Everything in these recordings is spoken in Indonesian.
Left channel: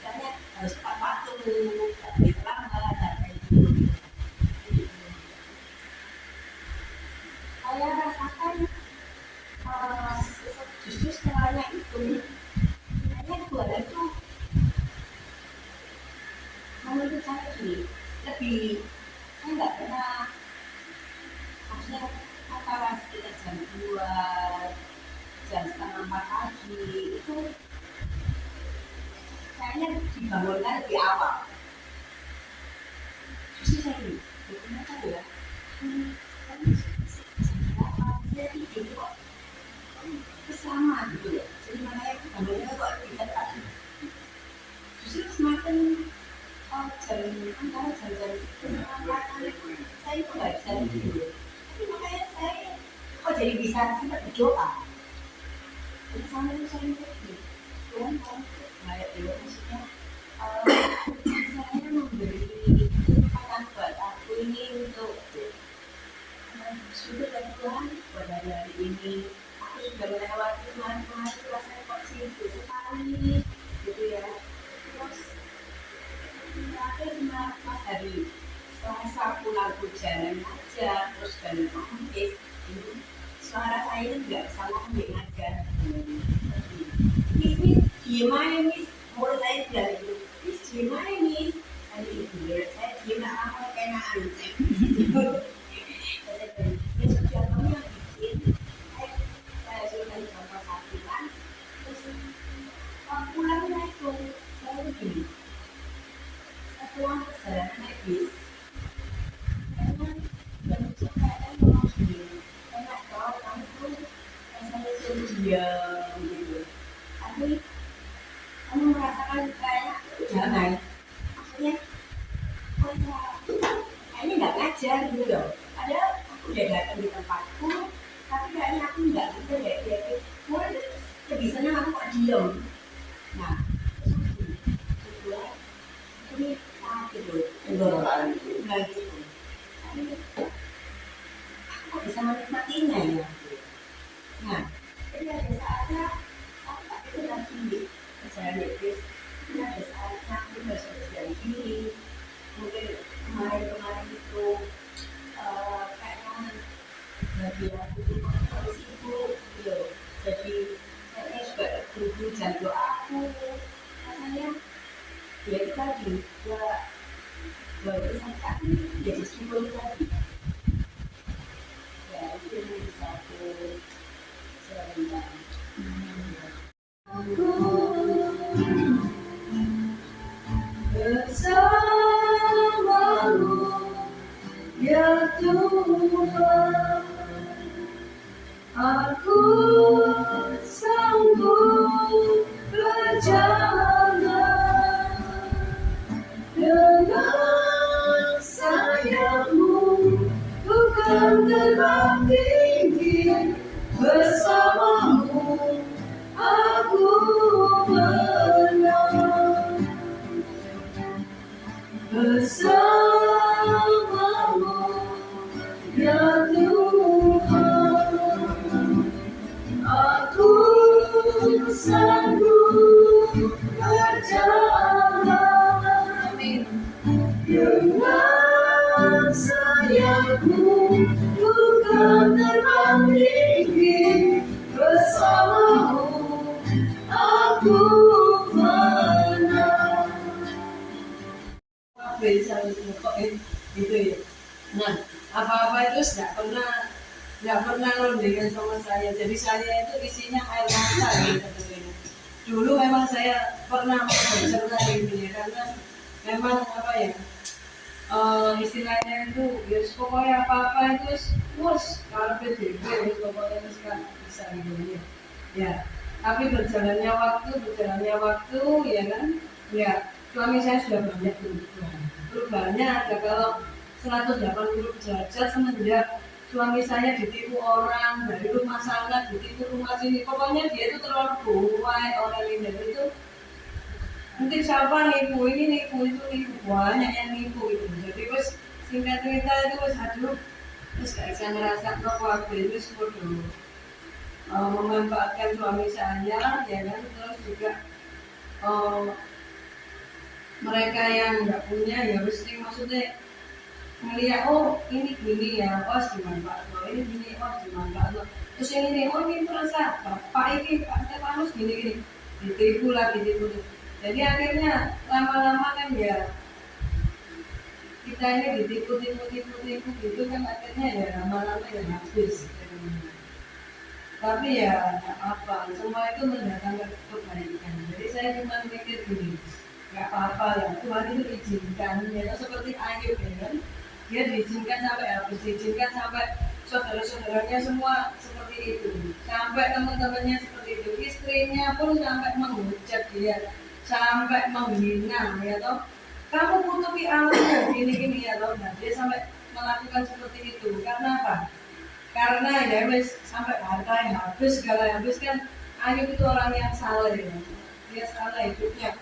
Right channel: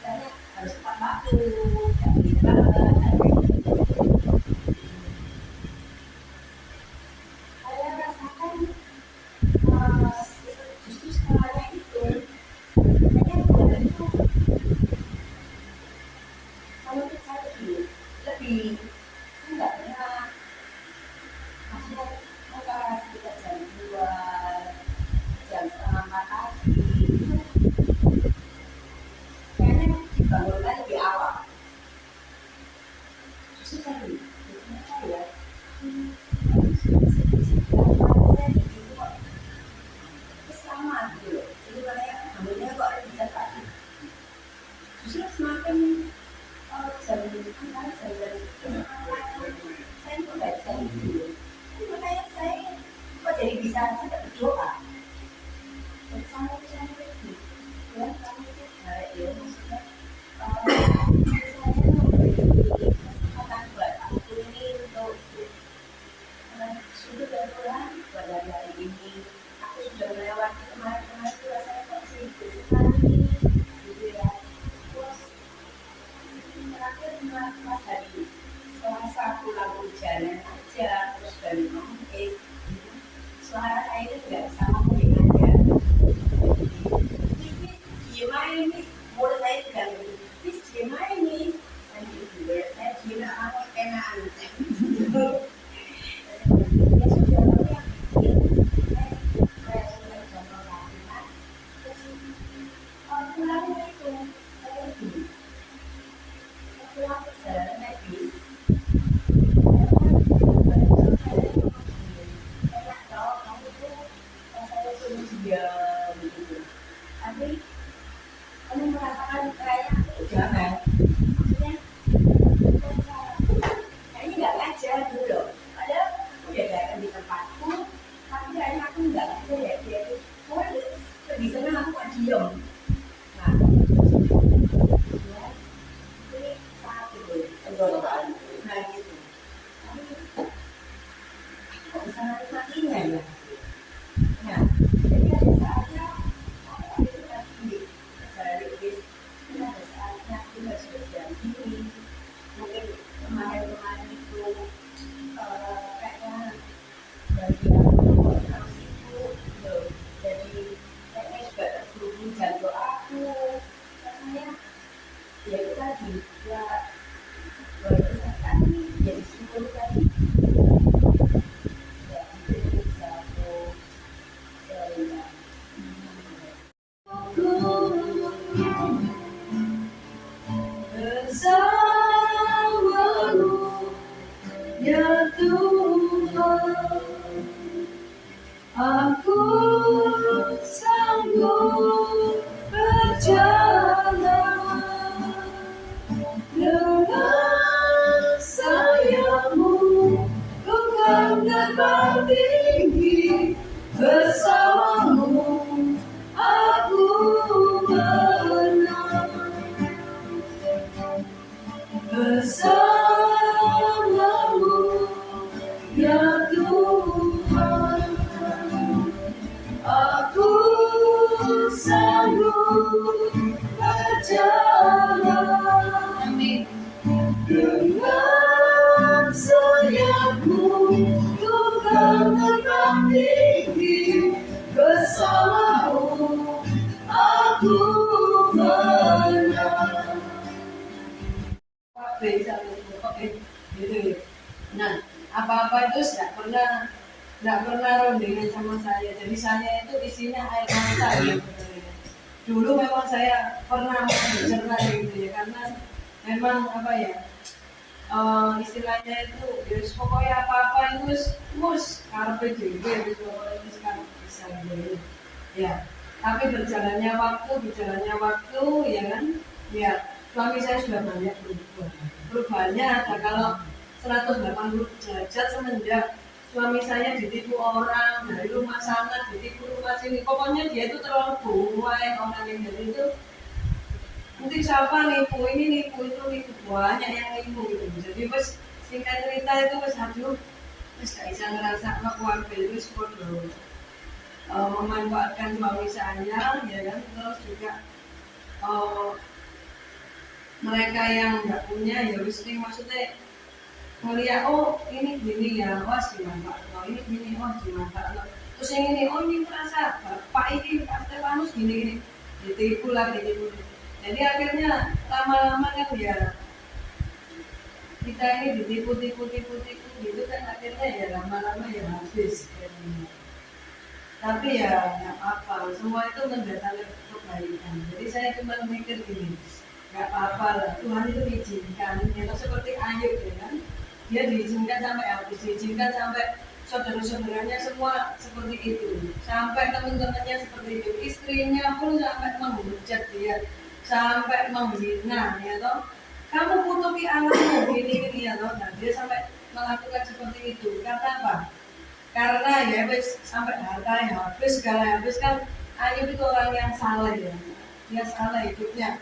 istilahnya harus tepat waktu, nggak boleh terlambat, saya rasakan justru setelahnya itu hanya Tuhan itu menurut saya lebih saya nggak pernah, maksudnya antara sekitar jam 2 jam setengah 4 pagi itu kayaknya dibangunkan lebih awal. Justru saya kenapa ya? Saya tidur kok kesamaan gitu loh. Jadi makanya bangunnya kok lebih cepat. Justru semakin jam antara jam-jam saya itu nggak bisa tidur. Makanya saya kok jadi bisa sempat berdoa. Dan sama itu saya mikir, Tuhan kamu itu baik ya, maksudnya saya memberi kesempatan buat aku ini untuk sudut dari Tuhan buat hari ini. Aku sudah melewati kemarin-kemarin itu rasanya kok sibuk sekarang ini gitu ya. Terus terakhir pas hari Selasa pulang hujanan aja, terus dan suara saya itu nggak bisa ngomongin aja. Miss diem aja Miss, mulut saya bilang gitu, Miss diem aja Miss. Tadi itu saya diem nggak mau kenaan saya gitu. Ya sudah kamu yang bikin, saya suruh dari contoh sampingan, terus pulangnya itu saya begini, saya pulang perjalanan naik bis. Diam gitu, tapi kamu merasakan kayaknya jangan, maksudnya kayaknya nggak ngajar gitu loh, padahal aku udah datang di tempatku, tapi kayaknya aku nggak ngajar ya, dia lebih senang aku kok diem. Nah ini saat itu tenggorokan, nah gitu, tapi aku kok bisa menikmatinya ya. Nah, jadi ada saatnya aku itu lagi berjalan di bis, ada saatnya aku harus berjalan gini. Mungkin kemarin-kemarin itu kayaknya bagian kok harus sibuk gitu. Jadi kayaknya juga terburu jadwal aku. Rasanya ya itu tadi, tapi jadi syukur tadi. Ya itu bisa aku sering. Bersamamu ya Tuhan, aku sanggup berjalan dengan sayapmu, bukan terbang tinggi. Bersamamu aku menang, bersamamu ya Tuhan, aku sanggup berjalan dengan sayapmu, bukan terbang tinggi. Bersamamu aku menang. Bisa gitu ya. Nah, apa-apa itu nggak pernah rundingan sama saya. Jadi saya itu isinya air mata gitu. Dulu memang saya pernah bercerna gitu ya, karena memang apa ya, istilahnya itu ya pokoknya apa-apa itu karena PDB pokoknya itu kan bisa gitu ya. Tapi berjalannya waktu ya kan ya, suami saya sudah banyak perubahannya ada kalau 180 derajat semenjak suami saya ditipu orang, dari rumah sana ditipu rumah sini, pokoknya dia itu terlalu buai orang ini itu. Nanti siapa nipu ini nipu itu nipu, banyak yang nipu gitu. Jadi pas singkat cerita itu pas aduh terus gak bisa ngerasa kekuatir, terus bodoh memanfaatkan suami saya ya kan, terus juga mereka yang nggak punya ya mesti maksudnya ngeliat oh ini gini ya, oh dimanfaat, oh ini gini, oh dimanfaat, terus yang ini, oh ini terasa bapak ini Pak Stefanus gini gini, ditipu lah, ditipu. Jadi akhirnya lama-lama kan ya kita ini ditipu gitu kan akhirnya ya lama-lama ya habis. Tapi ya nggak apa-apa, semua itu mendatangkan kebaikan. Jadi saya cuma mikir ini, nggak apa-apa lah, Tuhan itu izinkan, ya seperti Ayub ya kan, dia diizinkan sampai habis, diizinkan sampai saudara-saudaranya semua seperti itu, sampai teman-temannya seperti itu, istrinya pun sampai menghujat dia, sampai menghina, ya toh, kamu kutubi Allahmu gini-gini ya toh, nah dia sampai melakukan seperti itu, karena apa? Karena ya wis sampai hartanya habis, segala habis kan, Ayub itu orang yang saleh ya, dia saleh hidupnya.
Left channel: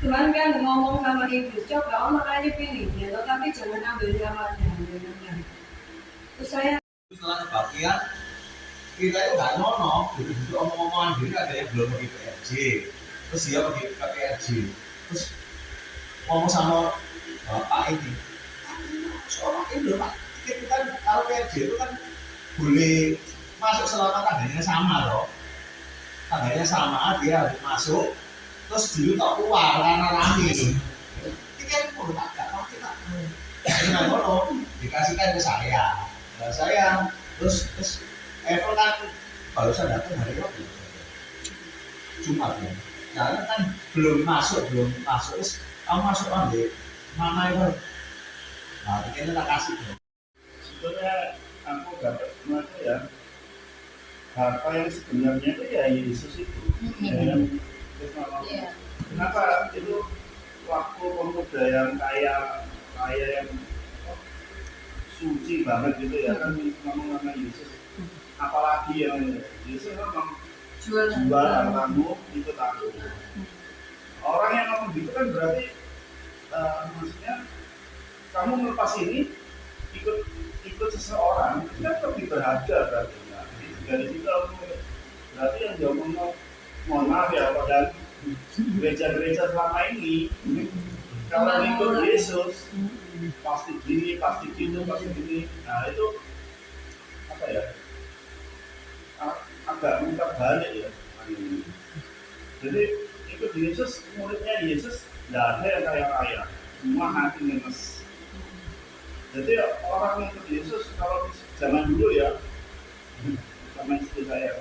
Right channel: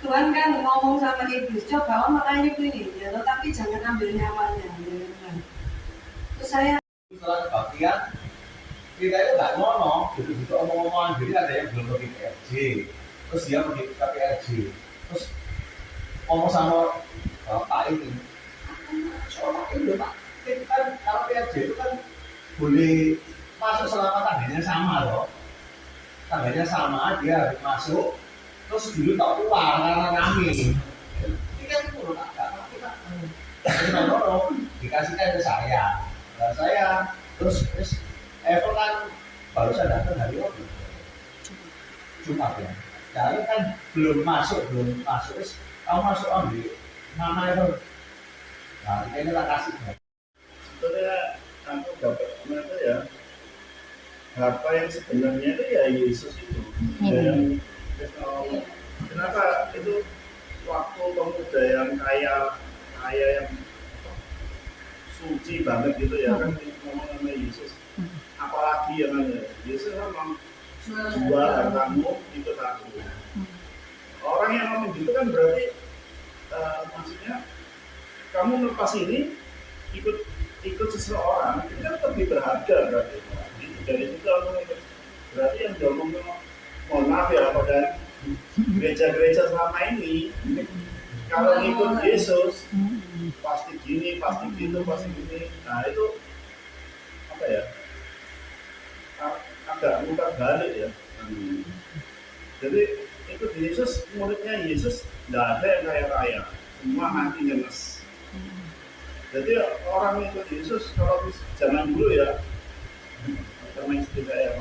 Tuhan kan ngomong sama iblis, coba omong Ayub ini, ya, tetapi jangan ambil nyawanya. Ya, kan? Terus saya setelah kebaktian kita itu nggak nyono, gitu omong-omongan diri ada yang belum pergi PRJ, terus dia pergi ke PRJ, terus ngomong sama Pak ini, soal ini loh Pak, itu kan kalau PRJ itu kan boleh masuk selama tangganya sama loh, tangganya sama dia harus masuk, terus dulu tak keluar rame ini kan pun tak pakai tak gimana loh dikasihkan ke saya, terus Evel kan barusan datang hari Rabu Jumat ya, jadi kan belum masuk kamu masuk ambil mana itu, nah kayaknya tak kasih sebetulnya aku dapat mata ya, harta yang sebenarnya itu ya Yesus itu. Dan kenapa itu waktu pemuda yang kaya yang suci banget gitu ya kan ngomong nama Yesus, apalagi yang Yesus memang jual hartamu ikut aku. Orang yang ngomong gitu kan berarti maksudnya kamu melepas ini ikut seseorang itu kan lebih berharga berarti. Nah, dari situ aku berarti yang diomongnya, mohon maaf ya pada gereja-gereja selama ini, kalau ikut Yesus pasti gini, pasti gitu, pasti gini. Nah itu apa ya? Agak mutar balik ya. Jadi ikut Yesus, muridnya Yesus tidak ada yang kaya-kaya, semua hati ngenes. Jadi orang ikut Yesus kalau zaman dulu ya, sama istri saya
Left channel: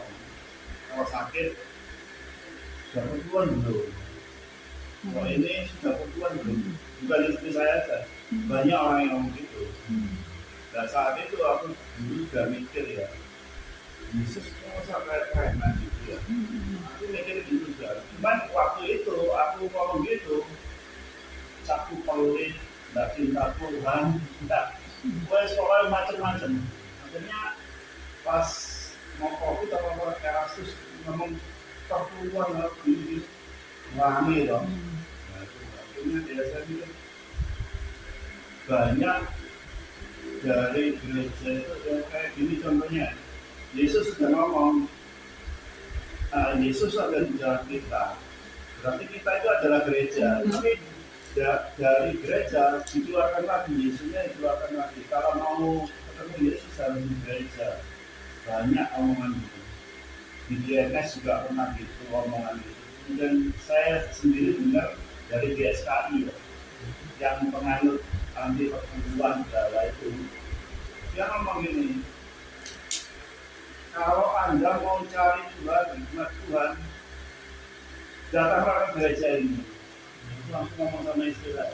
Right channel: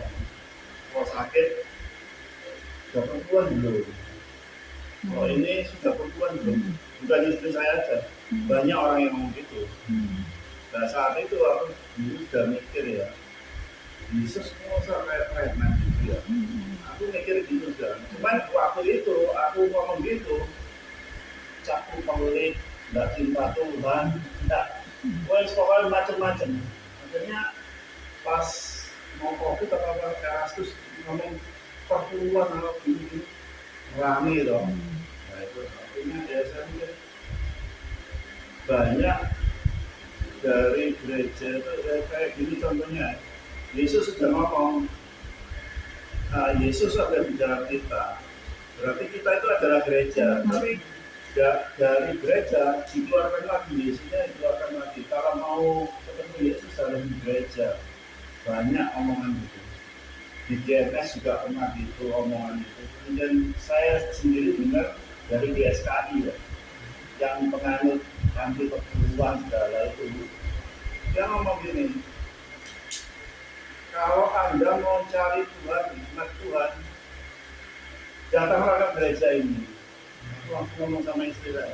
kalau sakit sudah perempuan belum? Kalau ini sudah perempuan belum? Bukan istri saya aja, banyak orang yang ngomong gitu. Nah saat itu aku dulu sudah mikir ya, Yesus mau sampai preman gitu ya. Aku mikir gitu kan. Cuman waktu itu aku ngomong gitu, cakup pelit, nggak cinta Tuhan, nggak, pokoknya macam-macam. Akhirnya pas mau COVID apa Erastus ngomong pertemuan hal ini rame dong. Nah itu akhirnya ya saya mikir banyak dari gereja itu kayak gini contohnya, Yesus sudah ngomong, Yesus ada di dalam kita, berarti kita itu adalah gereja, tapi dari gereja dikeluarkan lagi, Yesusnya dikeluarkan lagi. Kalau mau ketemu Yesus harus di gereja. Banyak omongan gitu. Di GMS juga pernah gitu omongan itu. Dan saya sendiri dengar dari GSKI ya, yang penganut anti perempuan segala itu, dia ngomong gini, kalau Anda mau cari Tuhan, hikmat Tuhan, datanglah ke gereja ini. Langsung ngomong sama istri saya,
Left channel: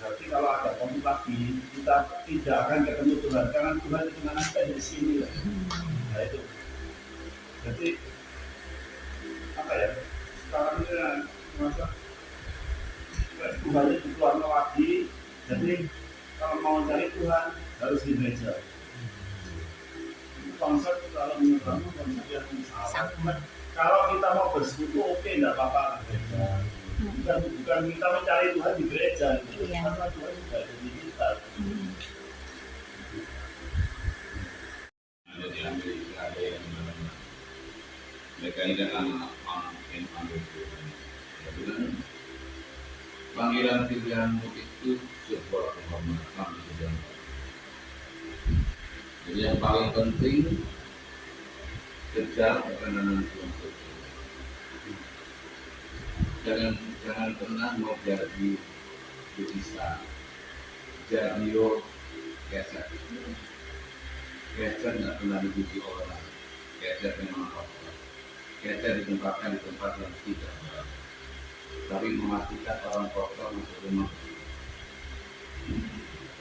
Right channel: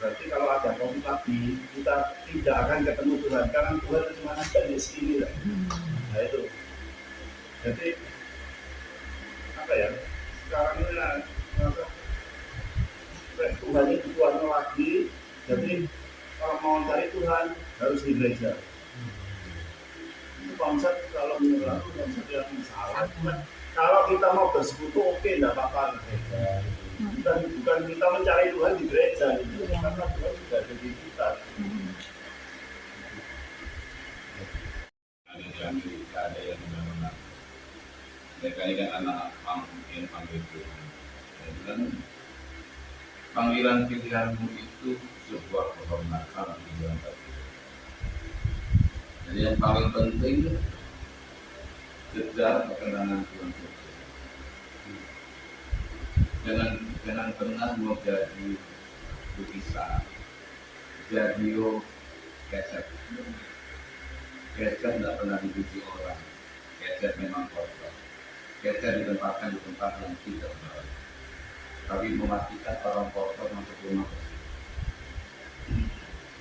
berarti kalau ada konflik lagi, kita tidak akan ketemu Tuhan, karena Tuhan cuma ada di sini lah. Nah itu, jadi apa ya, sekarang ini masa Tuhan itu dikeluarkan lagi, jadi kalau mau cari Tuhan harus di gereja. Itu konsep, kalau menurut aku konsep yang salah. Kalau kita mau bersekutu oke, tidak apa-apa di gereja. Bukan kita mencari Tuhan di gereja, karena Tuhan sudah ada di kita. Ada di Amerika, ada yang di mana-mana. Mereka ini kan anak-anak pang yang panggil itu kan panggilan pilihanmu itu sebuah kehormatan di dalam hidup. Jadi yang paling penting kejar kekenanan Tuhan Yesus. Jangan pernah mau jadi lukisan, jadi keset. Keset tidak pernah dipuji orang. Keset memang kotor. Keset ditempatkan di tempat yang tidak benar. Tapi memastikan orang kotor masuk rumah.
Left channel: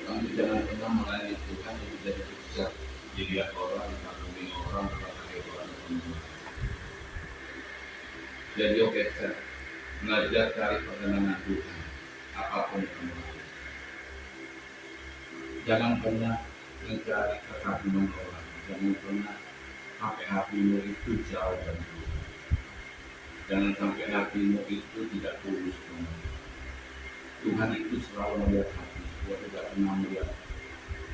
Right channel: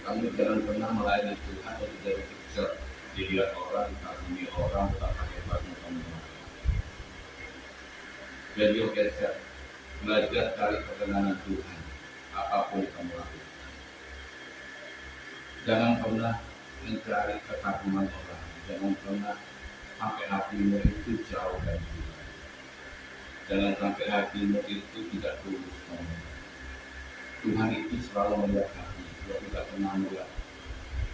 Kamu jangan pernah melayani Tuhan untuk jadi keset. Dilihat orang, kagumi orang, betapa hebatnya kamu. Jadi keset. Belajar cari perkenanan Tuhan apapun yang kamu lakukan. Jangan pernah mencari kekaguman orang. Jangan pernah sampai hatimu itu jauh dari Tuhan. Jangan sampai hatimu itu tidak tulus kamu. Tuhan itu selalu melihat hati. Dia tidak pernah melihat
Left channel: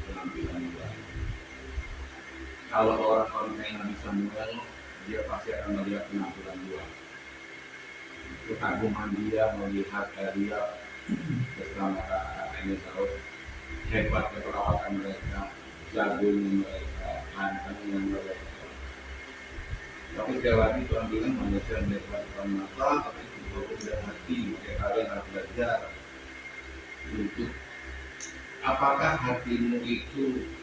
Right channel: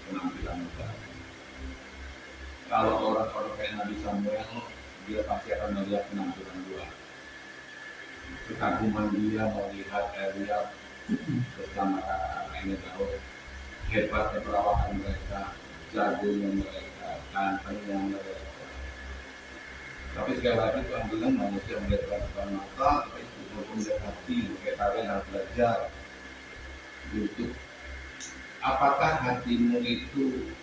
penampilan luar. Kalau orang-orang kayak Nabi Samuel, dia pasti akan melihat penampilan luar. Kekaguman dia melihat Eliab bersama kakaknya Saul, hebatnya perawakan mereka, jagonya mereka, antengnya mereka. Tapi sekali lagi Tuhan bilang manusia melihat depan mata, tapi itu melihat hati. Kayak kalian harus belajar untuk apakah hatimu itu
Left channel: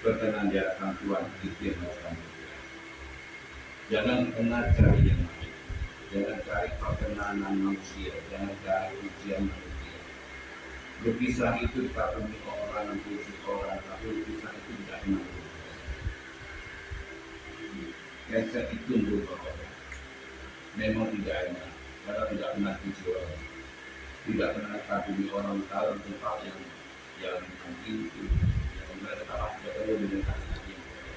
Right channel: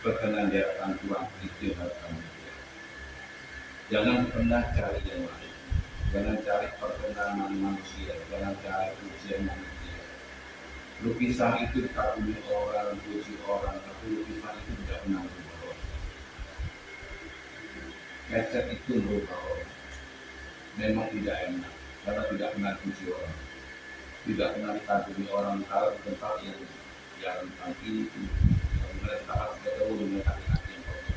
berkenan di hadapan Tuhan, itu yang harus kamu lihat. Jangan pernah cari yang lain. Jangan cari perkenanan manusia, jangan cari pujian manusia. Lukisan itu dikagumi orang, puji orang, tapi lukisan itu tidak pernah berubah orang. Keset itu berubah orang. Memang tidak enak, karena tidak pernah puji orang. Tidak pernah dikagumi orang kalau di tempat yang pagi itu. Mereka tidak tahu dengan hati-hati yang kotor.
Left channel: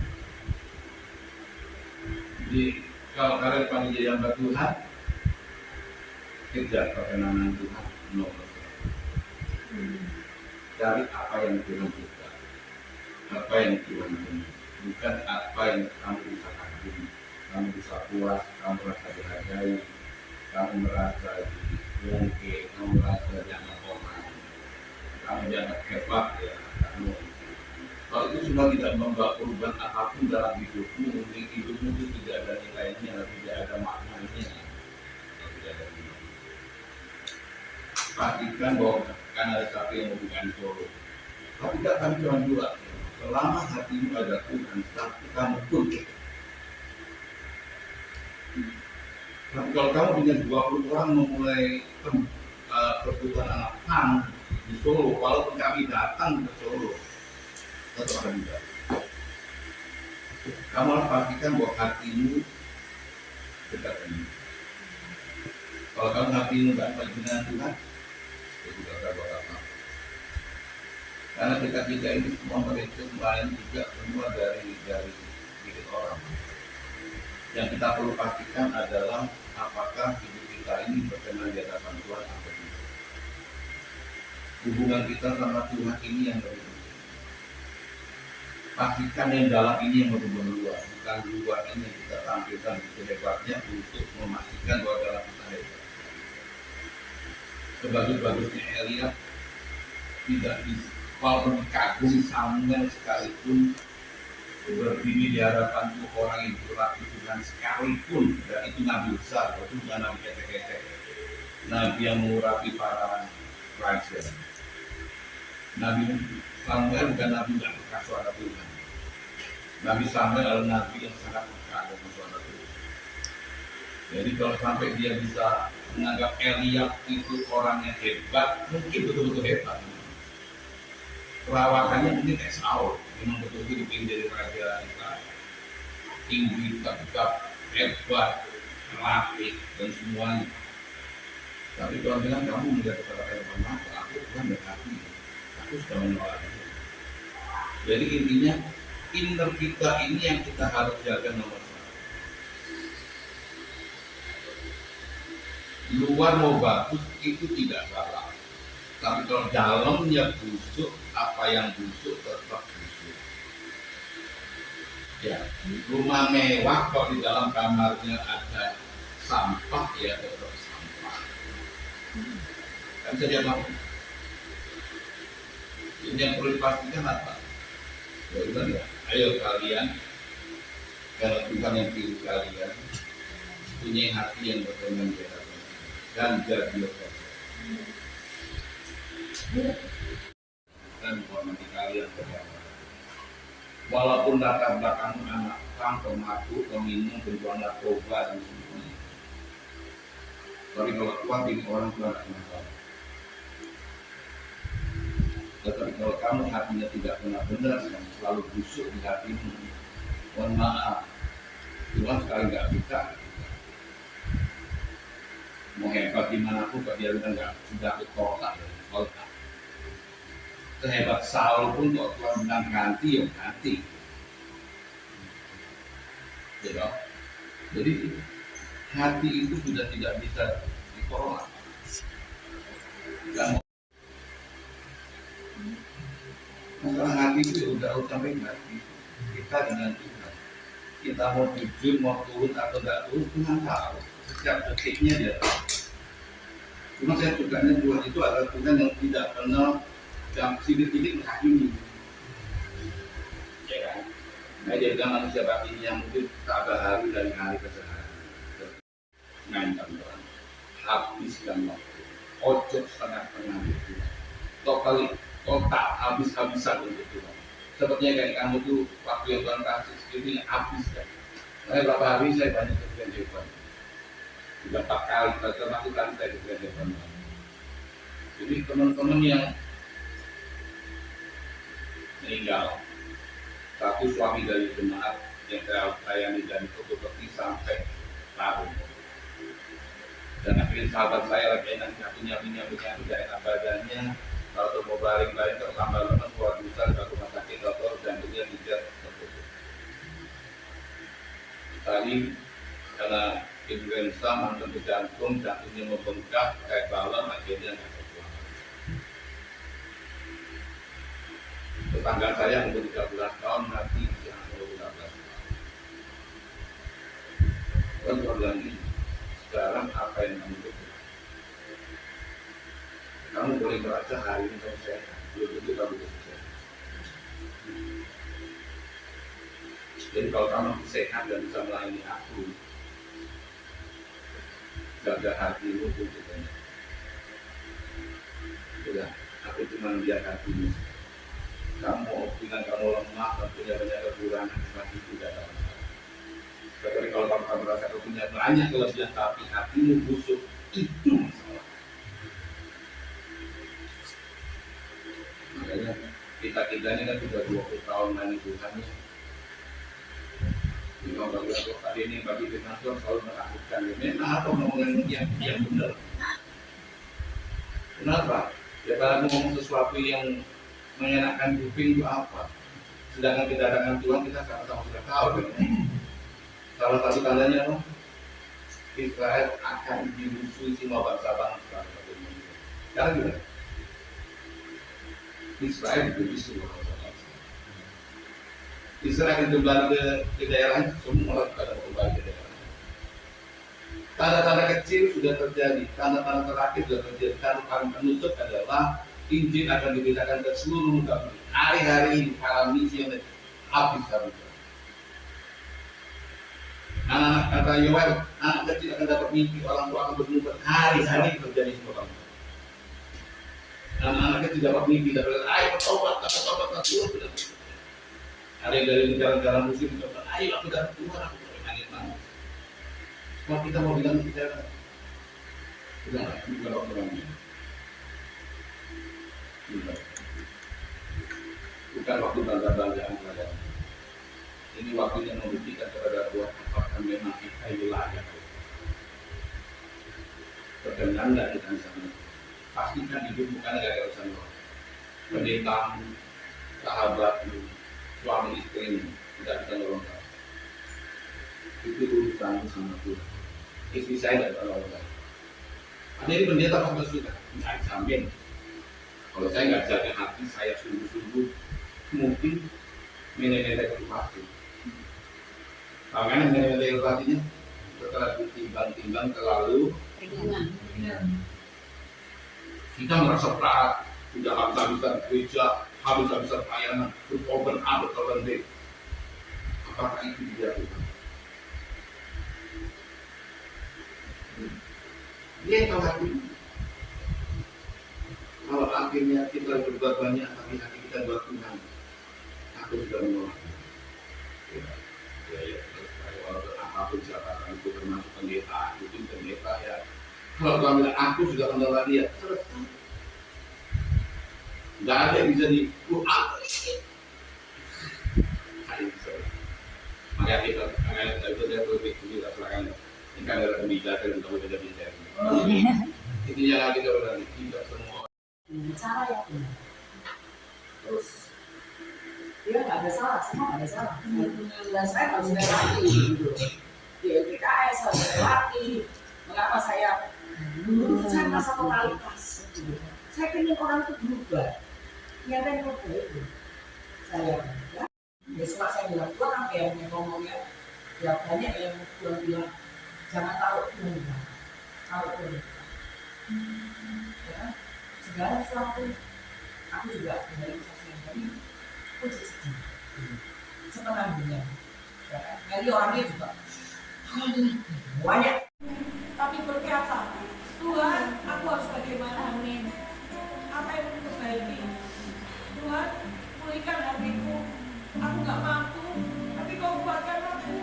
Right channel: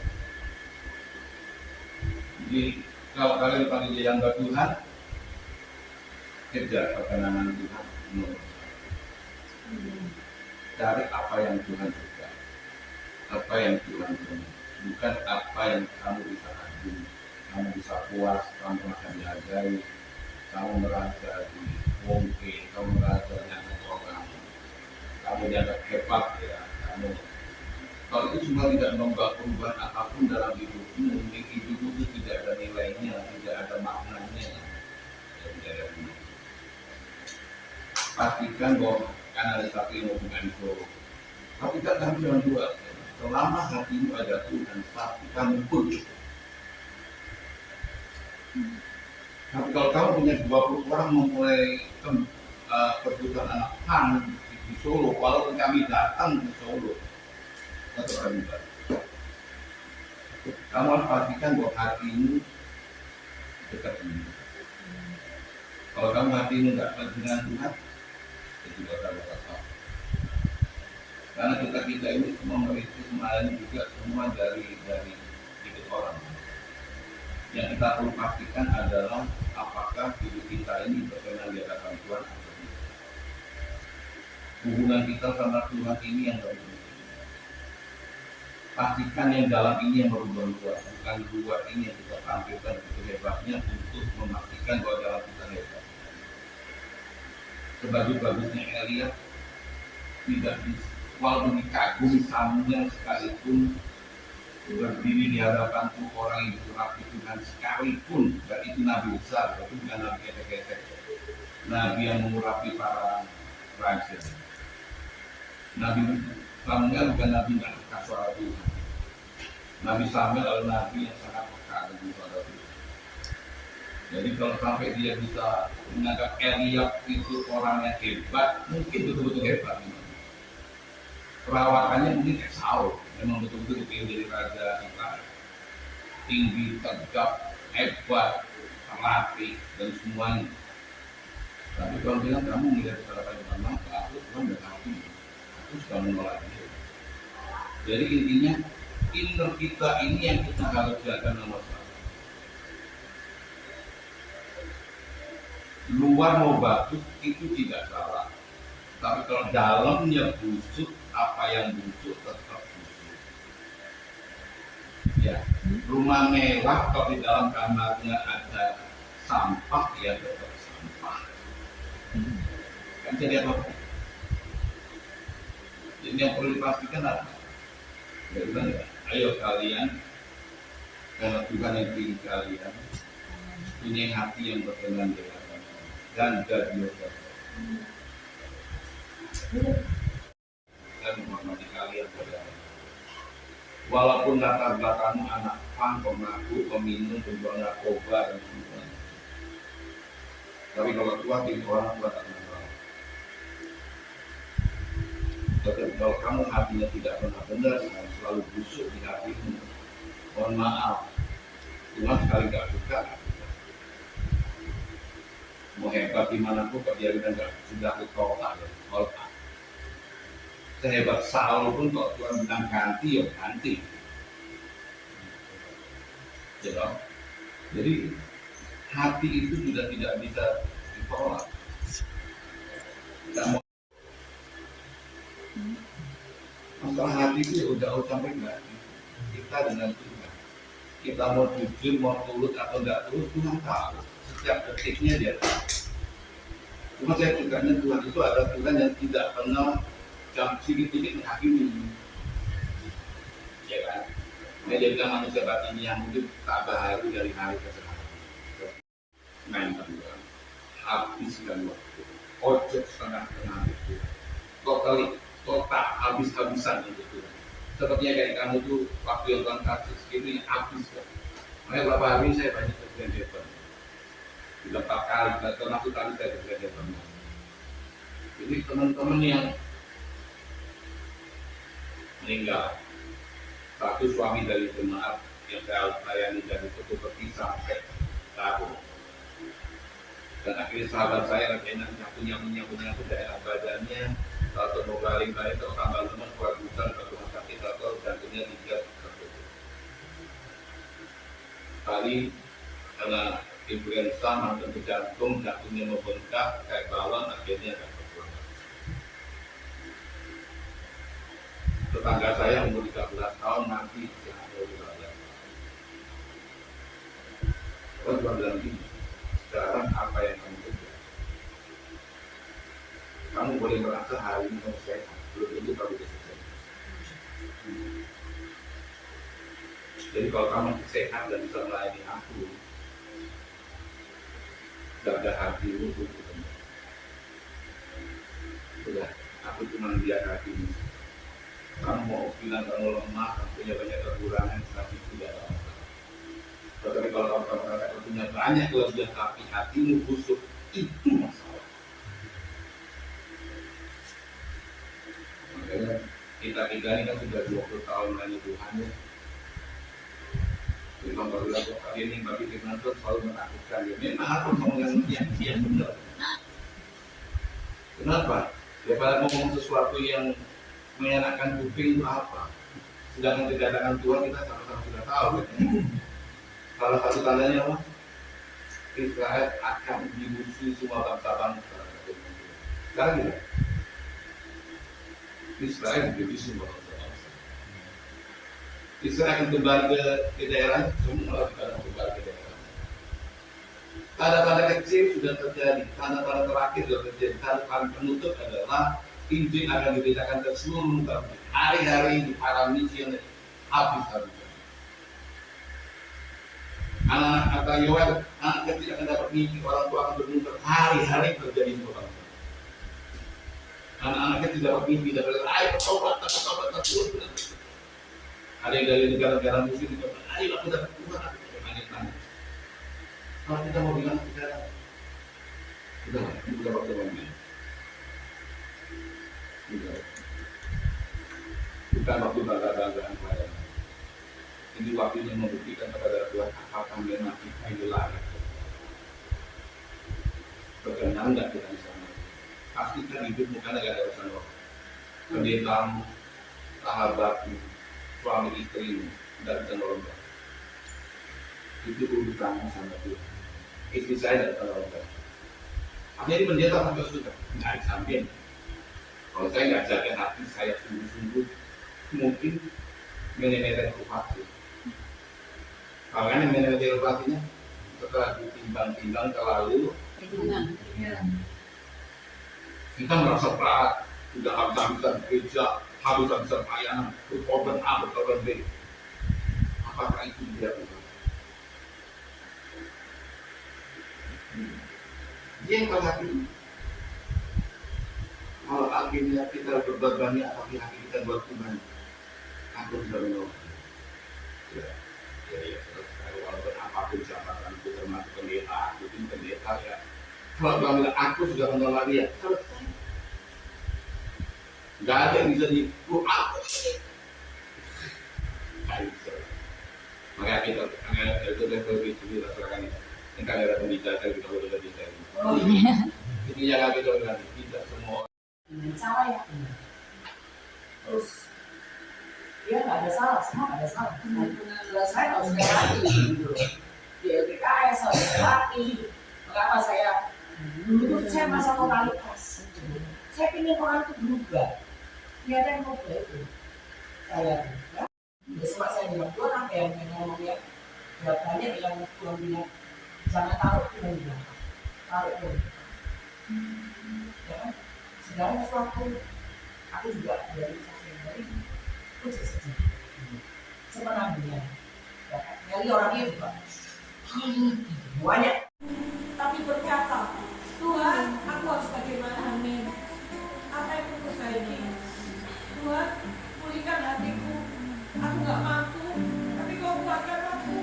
Jadi kalau kalian panggil jadi hamba Tuhan, kejar perkenanan Tuhan nomor. Cari apa yang Tuhan suka, apa yang Tuhan punya, bukan apa yang kamu bisa kagumi, kamu bisa puas, kamu merasa dihargai, kamu merasa diwongke, kamu merasa dianggap orang, kamu dianggap hebat ya, kamu. Kalau itu cuma tidak membawa perubahan apapun dalam hidupmu itu tidak ada nilainya, tidak ada maknanya, kalau tidak ada gunanya. Pastikan bahwa kan ada satu yang membuka Solo. Tapi tak kami cuma dua. Selama hatimu ada Tuhan, satu kamu pun. Tapi kalau kamu punya 20 orang memulai perputaran anak PAN di Solo, walaupun kami datang ke Solo, tetap akan juga. Kamu harus pastikan bahwa hatimu dekat dengan. Kalau kamu hatimu tidak dekat dengan Tuhan, itu tidak akan bakal apa. Karena kita ini semua mereka semuanya juga semua dari sedikit orang. Yang kita perlu pastikan adalah apakah hidup kita ini berkenan di hadapan Tuhan atau tidak. Hubungan kita sama Tuhan ini yang baik. Pastikan yang dalam ini yang merubah luar, bukan luar ini yang kita tampilkan itu hebatnya untuk memastikan bahwa dalam kita hebat. Sebagus-bagusnya Eliab tidak bisa, walaupun dikagumi Samuel sekalipun, berdiri di hadapan itu orang yang berarti Tuhan sekalipun, dan itu nabi besar, itu bukan nabi ketek-ketek, nabi yang mengurapi para raja. Nabi Samuel bukan nabi yang peka suara Tuhan. Nabi Samuel adalah nabi yang sangat peka dengan suara Tuhan. Jadi kalau sampai dia bisa menganggap Eliab itu orang yang hebat, mungkin betul-betul hebat. Perawakannya mungkin kayak Saul, memang betul-betul dipilih jadi raja Israel. Tinggi, tegap, hebat, terlatih dan semuanya. Tapi kalau bilang kamu melihat kepada depan mata, aku Tuhan berhati. Aku sudah menolak dia. Jadi intinya inner kita ini yang kita harus jaga nomor satu. Luar mau bagus itu tidak salah, tapi kalau dalamnya busuk, apa yang busuk tetap busuk. Ya, rumah mewah kalau di dalam kamarnya ada sampah ya tetap sampah. Kan bisa dia apa? Jadi yang perlu dipastikan apa? Ya bilang ya, ayo kalian, karena Tuhan yang pilih kalian, punya hati yang berkenan di hadapan dan jadi dan menghormati kalian berdua. Walaupun latar belakangmu anak pang, pemaku, peminum, penjual narkoba dan semuanya. Tapi kalau Tuhan pilih orang, Tuhan akan tahu. Tetapi kalau kamu hatinya tidak pernah benar, selalu busuk di hatimu, mohon maaf, Tuhan sekali nggak buka. Mau hebat dimanapun, kalau dia bilang nggak sudah ditolak, tolak. Sehebat Saul pun kalau Tuhan bilang ganti, ya ganti. Ya, jadi hati itu sudah tidak bisa ditolak. Dan masalah hati itu ya udah sampai enggak kita dengan Tuhan. Kita mau jujur, mau turut atau enggak turut, Tuhan tahu. Setiap detiknya dia tahu. Cuma saya sukanya Tuhan itu adalah Tuhan yang tidak pernah dan sedikit-sedikit menghakimi. Ya kan? Nah, jadikan manusia batin yang mungkin tak bahagia dari hari ke hari. Mainkan Tuhan. Habiskan waktu. Ojek setengah-setengah itu. Total habis-habisan untuk Tuhan. Sepertinya kayak kamu tuh waktu yang Tuhan kasih segini habis kan. Makanya berapa hari saya banyak kerja Tuhan. Sudah 4 kali, termasuk kali saya kerja Tuhan. Jadi teman-teman yang meninggal, satu suami dari jemaat yang saya layani dari fotokopi sampai tahun, dan akhirnya sahabat saya lagi enak punya enak badannya, dokter mau baring-baring kalau tambah lemas keluar bukan ke rumah sakit dokter jantungnya tidak tertutup. Tadi karena influenza mantan jantungnya membengkak kayak balon akhirnya. Tetangga saya umur 13 tahun mati usia 12 tahun. Tuhan bilang ini, sekarang apa yang kamu lakukan? Kamu boleh merasa hari ini kamu sehat, belum tentu kamu sehat. Jadi kalau kamu sehat dan bisa melayani aku, gak ada hatimu itu. Sudah, aku cuma lihat hatimu. Kamu mau bilang kamu lemah dan punya banyak kekurangan, tapi tidak ada masalah. Tapi kalau kamu merasa kamu punya banyak kelebihan tapi hatimu busuk, itu masalah. Makanya kita ini kan sudah 20 tahun melayani Tuhan ya. Memang baru hari ini bagi firman Tuhan selalu menakutkan. Memang apa ngomongan yang benar. Kenapa? Ya kalau ngomong sesuatu yang menyenangkan kuping itu apa? Sedangkan kedatangan Tuhan kita sama-sama sudah tahu kan? Salah satu tandanya apa? Israel akan dimusuhi semua bangsa-bangsa. Jangan ya? Israel dimusuhi semua bangsa-bangsa. Israel akan kembali ke daerah semua akan kembali ke daerah. Tanda-tanda kecil sudah terjadi, tanda-tanda terakhir sudah terjadi. Tanda-tanda penutup adalah Injil akan diberitakan ke seluruh muka. Hari-hari para misioner habis-habisan. Anak-anak kata Yoel, anak kecil akan dapat mimpi, orang tua akan bernuntut. Hari-hari terjadi semua orang. Anak-anak kecil dapat mimpi, dapat ayo tobat, turun. Ada yang dari negara-negara muslim juga, ayo aku dapat Tuhan, manis-manis. Kalau kita mau bilang kita, udah, ini bukan waktu lagi. Bukan waktu bangga-banggaan pada. Ini waktunya membuktikan kepada Tuhan apakah memang kita itu layak. Berkenan enggak kita di sana? Pastikan hidupmu karena gak ada urusan orang. Pendetamu, sahabatmu, suami istrimu, tidak bisa nolong. Itu urusanmu sama Tuhan. Istri saya tidak bisa nolong. Ada ini pendeta sampai sudah nggak disampaikan. Kalau saya nggak jaga hati saya sungguh-sungguh, mungkin nenek-nenek terpati. Bagaimana nenek-nenek terpatinya? Setelah ditimbang-timbang terlalu Kita merasa berat, tidak habis-habisan gereja, habis-habisan pelayanan, berkorban A, berkorban B. Apakah itu dilakukan? Dia yang tahu hati. Kalau akhirnya kita berbuat banyak, tapi hati kita buat Tuhan, aku juga menolak. Ya. Walaupun apapun jabatan itu termasuk pendeta, aku pun pendeta ya. Kalau Tuhan bilang aku juga menolak dia, selesai. Nggak ada yang bisa aku ini. Maka itu saya berpikir kita serahkan engkau ada pembicaraan kita berbeda beda. Intinya kita bilang tidak semua. Cara yang benar. Terus dia nggak ada salah, semua nggak ada salah. Dan saya harus lewati gitu. Di LPKS harus lewati. Mengapa saya dulu saya masa moralitas. Saya ingin orang itu berubah. Ya dan berubah itu. Saya berubah. Ya semua saya bilang Tuhan apa yang ngomong ya. Ya banyak yang Tuhan bilang jangan taruh Tuhan bilang. Taruh Tuhan. Ya kan? Segala sesuatu aku juga dari saksi yang dari aku jadi sedih sebenarnya ya kan dari orangnya juga banyak tapi berkata Tuhan aku harus bagaimana amin apa yang memperbaiki Tuhan pulihkan hatiku aku gak mampu tapi kau buatkan aku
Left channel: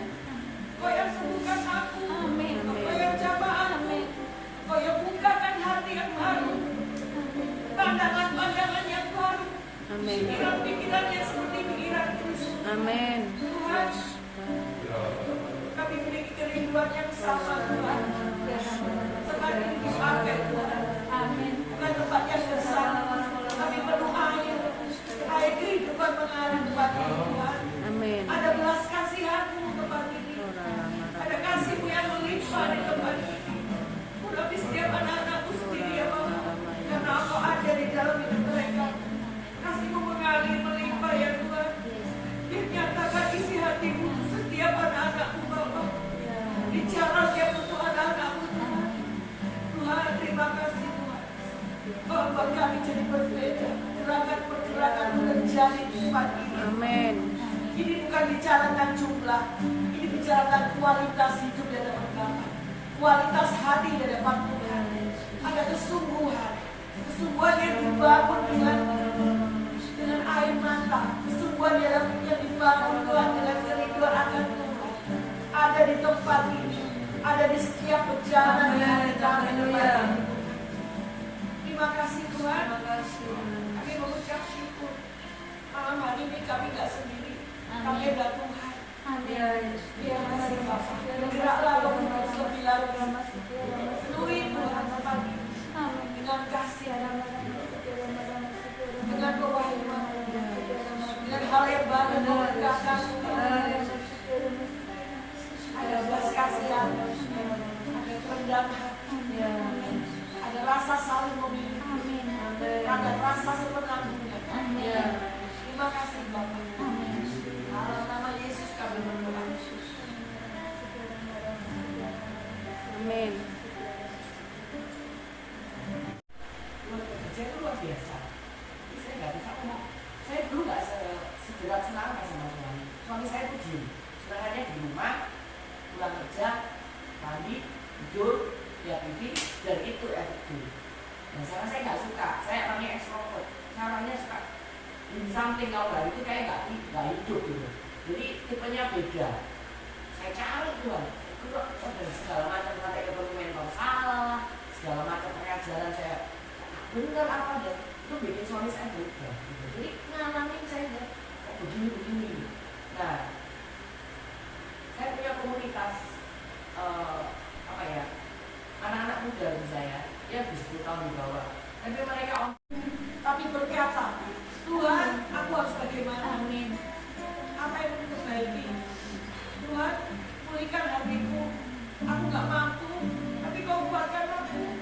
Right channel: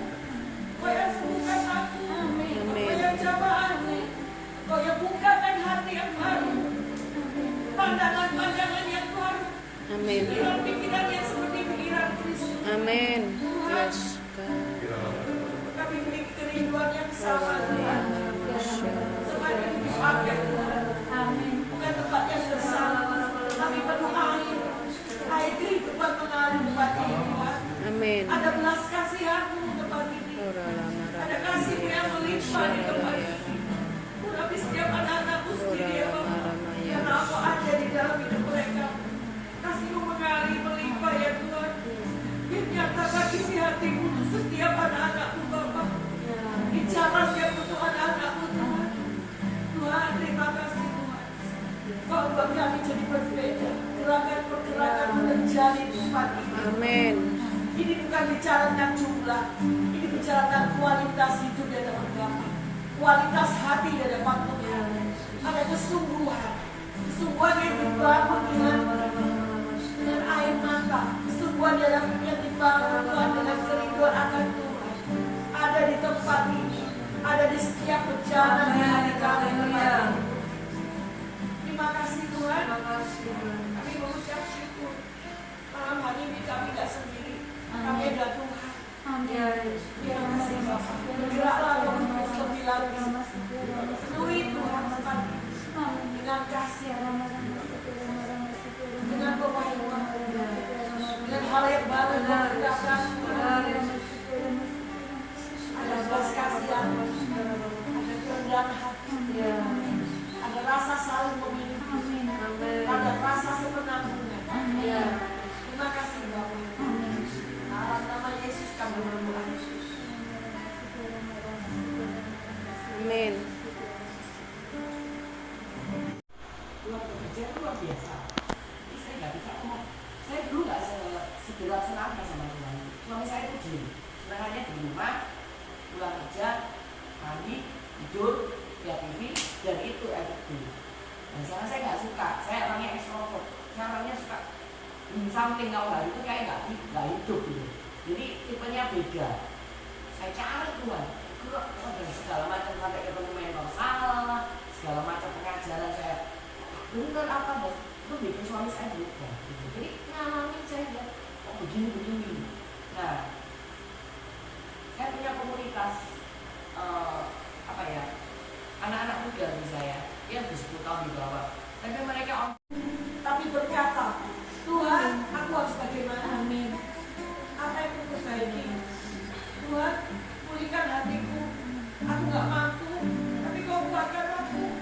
kau yang sembuhkan aku amin kau yang jamaah aku kau yang bukakan hati yang baru pandangan-pandangan yang baru. Amin. Pikiran-pikiran yang seperti pikiran Kristus. Amin. Tuhan, kami memiliki kerinduan yang sama Tuhan. Semakin dipakai Tuhan. Amin. Bukan tempat yang bersama, tapi penuh air. Air kehidupan mengalir tempat ini Tuhan. Amin. Ada belas kasihan-Mu tempat ini. Ada kasih-Mu yang melimpah di tempat ini. Tapi setiap anak-anakku sendiri ya Bapak. Karena Engkau ada di dalam hidup mereka. Kasih-Mu mengalir melimpah ya Tuhan. Biar nyatakan isi hati-Mu setiap anak-anakku Bapak. Bicara setiap untuk anak-anakku Tuhan. Tuhan terima kasih Tuhan. Kau buat kami jadi berbeda. Pergerakan terjadi di tempat ini. Amin. Ini bukan bicara tentang jumlah. Ini bicara tentang kualitas hidup di hadapan kami. Kualitas hati di hadapan Tuhan. Ada kesungguhan. Kesungguhan yang dibangun dengan air mata. Kesungguhan yang dibangun Tuhan dengan kerinduan akan Tuhan. Ada di tempat ini. Ada di setiap perjalanan yang kami lalui. Terima kasih Tuhan. Kami mengucap syukur. Malam hari ini kami tidak sendiri. Kami ada Tuhan. Bergeraklah lebih lagi. Penuhi Tuhan pagi dengan kasih, dengan kebaikan, dengan hal yang baru memberkatkan. Ada belas kasihan, ada kerendahan hati, ada rasa saling memiliki, ada rasa sepenanggungan. Terima kasih Bapak. Dalam nama Yesus kami berdoa. Amin. Kerja luar biasa. Saya nggak bisa ngomong. Saya dulu nggak segera senangnya sama Tuhan. Suami saya itu diem. Senangannya di rumah, pulang kerja, mandi, tidur, lihat TV, dan itu efektif. Dan sekarang saya nggak suka. Saya orangnya ekstrovert. Saya orangnya suka di samping kalau nggak itu kayak nggak hidup gitu. Jadi tipenya beda. Saya cari Tuhan. Dan segala macam sampai ketemu mentor salah, segala macam pengajaran saya benar apa dan itu bikin suami saya berubah gitu. Jadi ngalamin saya lihat kok begini. Nah, saya punya komunitas anak-anak muda dari saya, ya 10 tahun di bawah. Tapi mereka tapi berkata, Tuhan, aku harus bagaimana? Amin. Apa yang memperbaiki? Tuhan, pulihkan hatiku. Aku gak mampu, tapi kau buatkan aku.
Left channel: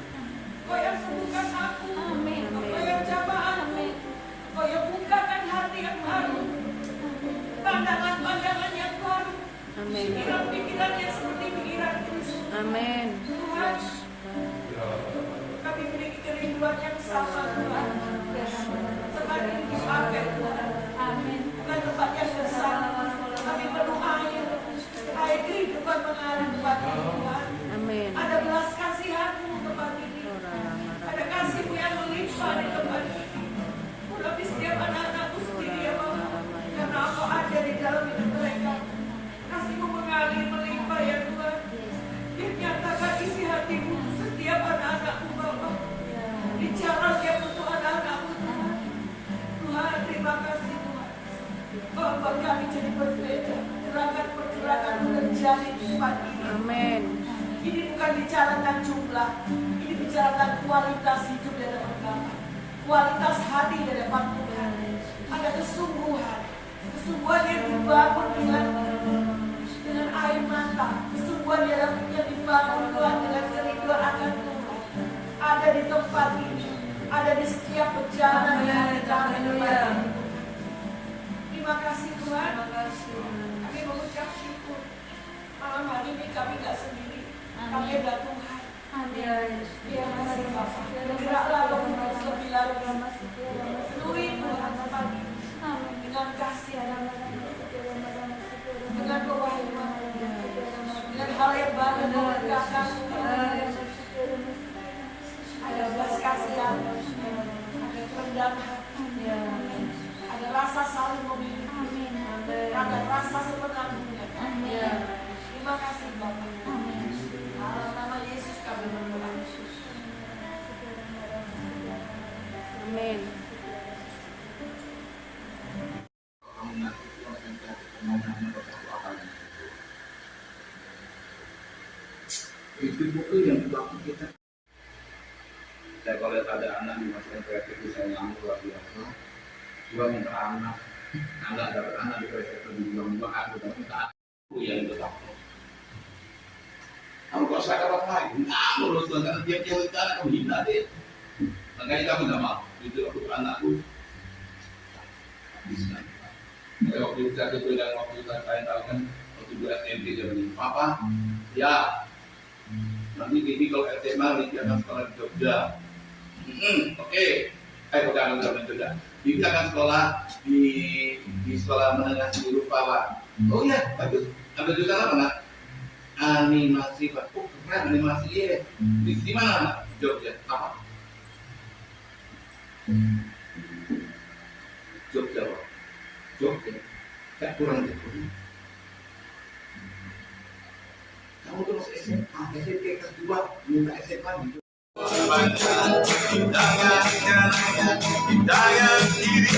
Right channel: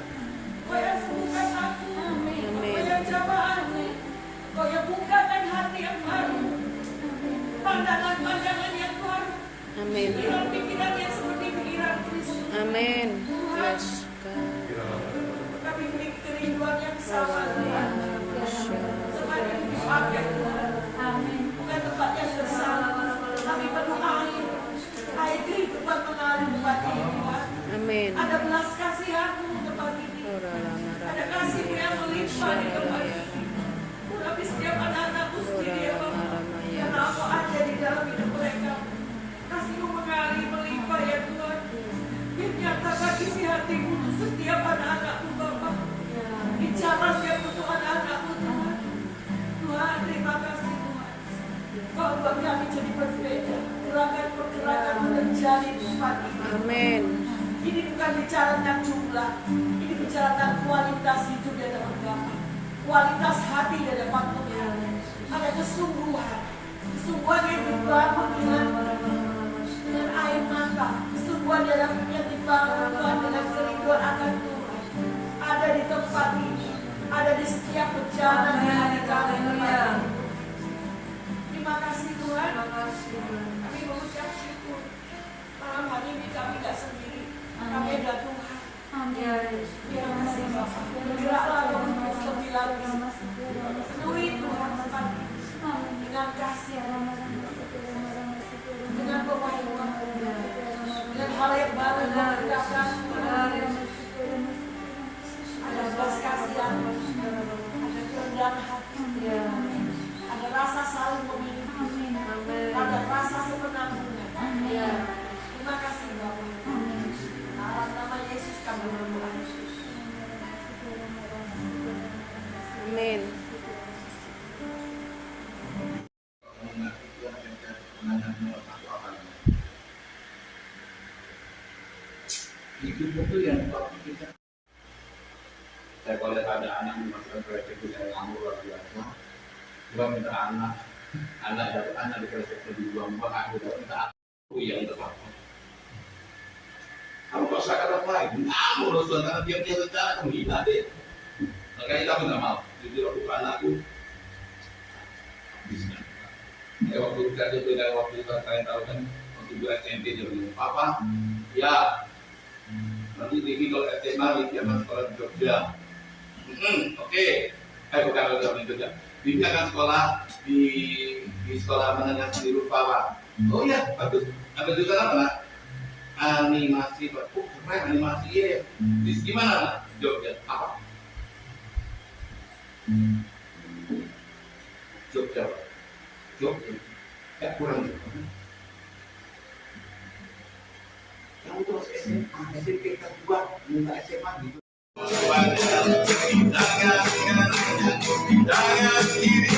Kau yang sembuhkan aku. Amin. Kau yang jamaah aku. Kau yang bukakan hati yang baru. Pandangan-pandangan yang baru. Amin. Pikiran-pikiran yang seperti pikiran Kristus. Amin. Tuhan, kami memiliki kerinduan yang bersama Tuhan. Tempat ini dipakai Tuhan. Bukan tempat yang bersama, tapi penuh air. Air kehidupan mengalir tempat ini Tuhan. Amin. Ada belas kasihan-Mu tempat ini. Ada kasih-Mu yang melimpah di tempat ini. Urapi setiap anak-anakku sendiri ya Tuhan. Karena Engkau ada di dalam hidup mereka. Kasih-Mu mengalir melimpah ya Tuhan. Biar nyatakan isi hati-Mu setiap anak-anakku Bapak. Bicara setiap untuk anak-anakku Tuhan. Tuhan terima kasih Tuhan. Kau buat kami jadi berbeda. Pergerakan terjadi di tempat ini. Amin. Ini bukan bicara tentang jumlah. Ini bicara tentang kualitas hidup di hadapan Bapa. Kualitas hati di hadapan Tuhan. Ada kesungguhan. Kesungguhan yang dibangun dengan air mata. Kesungguhan yang dibangun Tuhan dengan kerinduan akan Tuhan. Ada di tempat ini. Ada di setiap perjalanan yang kami Tuhan. Terima kasih Tuhan. Kami mengucap syukur. Malam hari ini kami tidak sendiri. Kami ada Tuhan. Biar masih bergeraklah lebih lagi. Penuhi Tuhan pagi dengan kasih, dengan kebaikan, dengan hal yang baru yang memudahkan. Ada belas kasihan, ada kerendahan hati, ada rasa saling memiliki, ada rasa sepenanggungan. Terima kasih Bapak. Dalam nama Yesus kami berdoa. Amin. Itu buku yang waktu kita. Saya kalau lihat ada anak di masa kreatif itu saya ngomong luar biasa. Gua minta anak dapat anak di kreatif berjuang-juang aku dapat minta aku yang tetap. Kamu kalau saya orang lain, kamu harus karena dia bicara kamu hina deh. Makanya kamu tidak mau. Jujur aku anakku. Di sini. Jadi waktu saya tahu kan waktu gue SMP dia bilang, Papa, ya nanti Dini kalau SMA lagi akan sekolah di Jogja. Oke. Bukan di Jogja. Dini akan sekolah di sekolah menengah seni rupa Pak. Oh ya, bagus. Ada juga apa nak? Animasi Pak. Oh keren animasi ya. Di mana? Jogja. Apa? Jogja Pak. Jogja. Kayak kurang gitu. Kamu terus SMA, SMP kelas 2 minta SMA gitu. Hidangan diri